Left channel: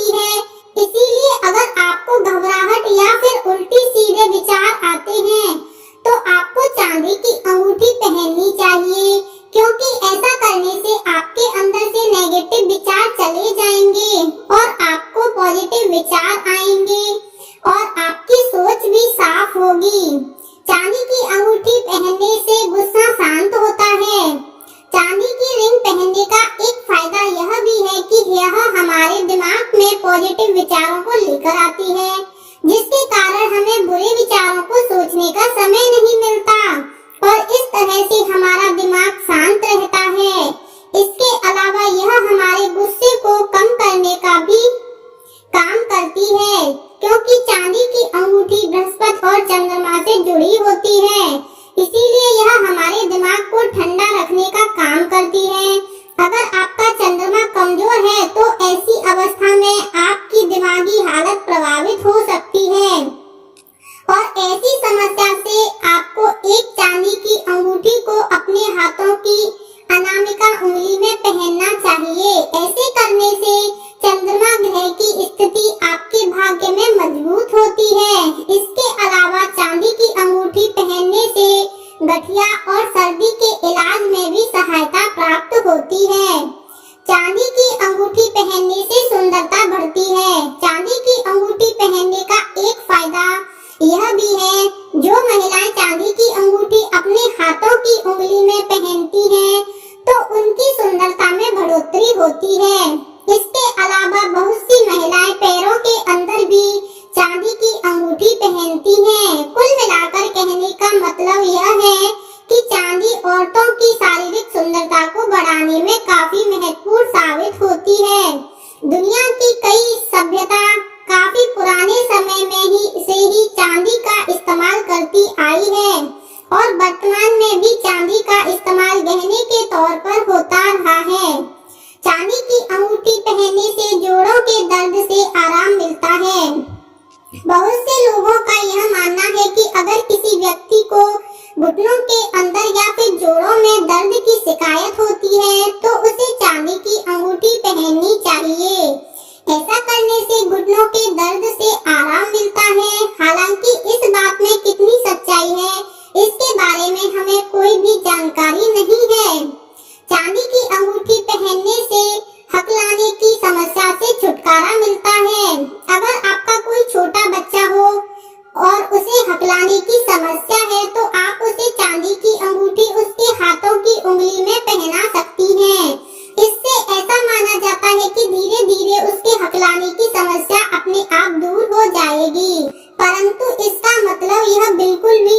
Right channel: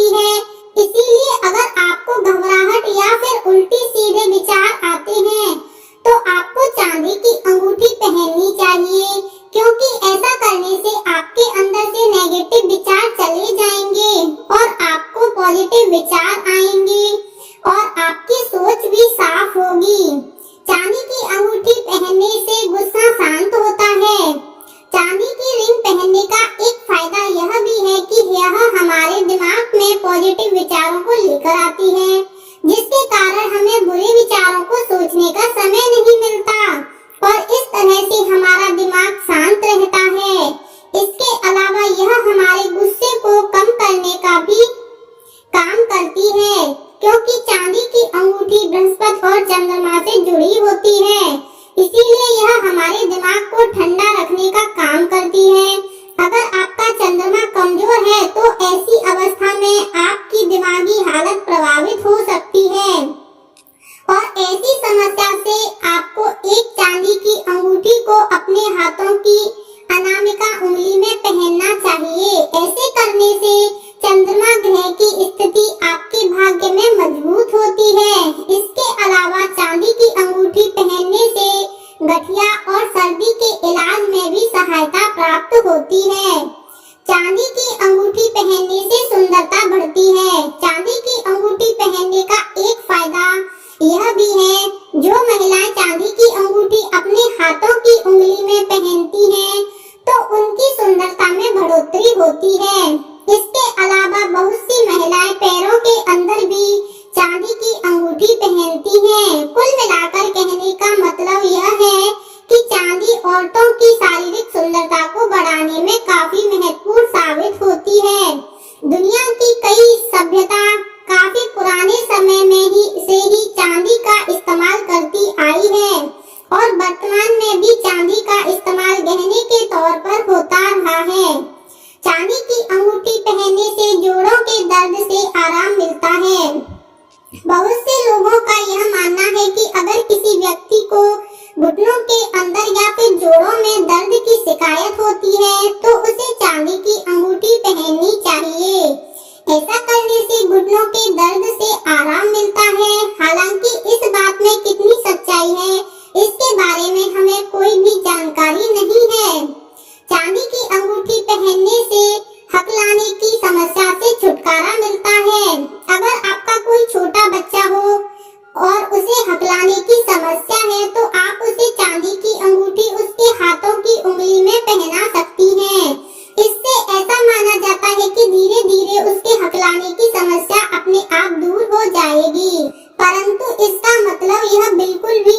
सकती है। इसीलिए अगर आपको घबराहट या फिर उल्टी सीधे विचार आते हैं तो आपको चांदी की अंगूठी पहननी चाहिए, क्योंकि ऐसा करने से आपके अंदर से नेगेटिव विचार चले जाएंगे और आपको पॉजिटिव विचार आएंगे और आपकी सोच भी साफ होगी। चांदी की अंगूठी पहनने से गुस्सा शांत होता है। चांदी की रिंग पहनने का एक फायदा यह भी है कि यह हमारे दिमाग में पॉजिटिव विचारों को लेकर आती है, जिसके कारण हमें बुरे विचारों को सोचने का समय नहीं मिलता और इस तरह से हमारा दिमाग शांत रहता है। इसके अलावा यह हमारे गुस्से को कम करने का भी काम करती है, क्योंकि चांदी की अंगूठी बृहस्पति और चंद्रमा से जुड़ी होती है। इसीलिए यह हमारे दिमाग को ठंडा रखने का काम करती है। अगर आपका चंद्रमा कमजोर है तो ऐसी अवस्था में आपकी दिमागी हालत प्रभावित हो सकती है और ऐसी समस्या से आपको एक चांदी की अंगूठी को अपने हाथों की अनामिका उंगली में पहनना चाहिए। ऐसे करने से चंद्रमा ग्रह की स्थिति आपके भाग्य में मजबूत होती है। इसके अलावा चांदी की अंगूठी पहनने से गठिया और सर्दी के इलाज में भी सहायता प्राप्त होती है। चांदी की अंगूठी पहनने से सुंदरता बढ़ती है। चांदी की अंगूठी पहनने का एक फायदा यह भी है, जो महिलाएं चांदी की अंगूठी अपने हाथों की उंगली में पहनती हैं, तो उनकी सुंदरता में बढ़ोतरी होती है। इसके अलावा बहुत सी महिलाएं पैरों के अंदर भी चांदी की अंगूठी पहनती हैं। कुल मिलाकर कहने का मतलब यह है कि चांदी औरतों की शारीरिक सुंदरता को बढ़ाने में काफी महत्वपूर्ण साबित होती है। दुनिया की कई सभ्यता काफी पुराने समय में ही चांदी का इस्तेमाल करती आई है और वर्तमान में भी चांदी का इस्तेमाल गहने के तौर पर होता रहा है। चांदी की अंगूठी पहनने से जोड़ों के दर्द से आराम मिलता है। बहुत से लोगों का यह मानना है कि अगर किसी व्यक्ति को घुटनों के अंदर या फिर जोड़ों में दर्द की शिकायत होती है तो उसे चांदी की अंगूठी पहननी चाहिए। ऐसा करने से घुटनों के दर्द से आराम मिलता है। हालांकि इस बात में कितनी सच्चाई है, इसके बारे में हमें कोई भी जानकारी नहीं है। चांदी की अंगूठी पहनने से हकलाने की समस्या से छुटकारा मिलता है। अगर आपका कोई छोटा बच्चा हो और उसे हकलाने की समस्या है तो आप उसे चांदी की अंगूठी उसके हाथों की उंगली में पहना सकती हैं। इससे ऐसा माना जाता है कि धीरे धीरे उसके हकलाने की समस्या अपने आप दूर हो जाएगी, परंतु इसका मतलब यह बिल्कुल भी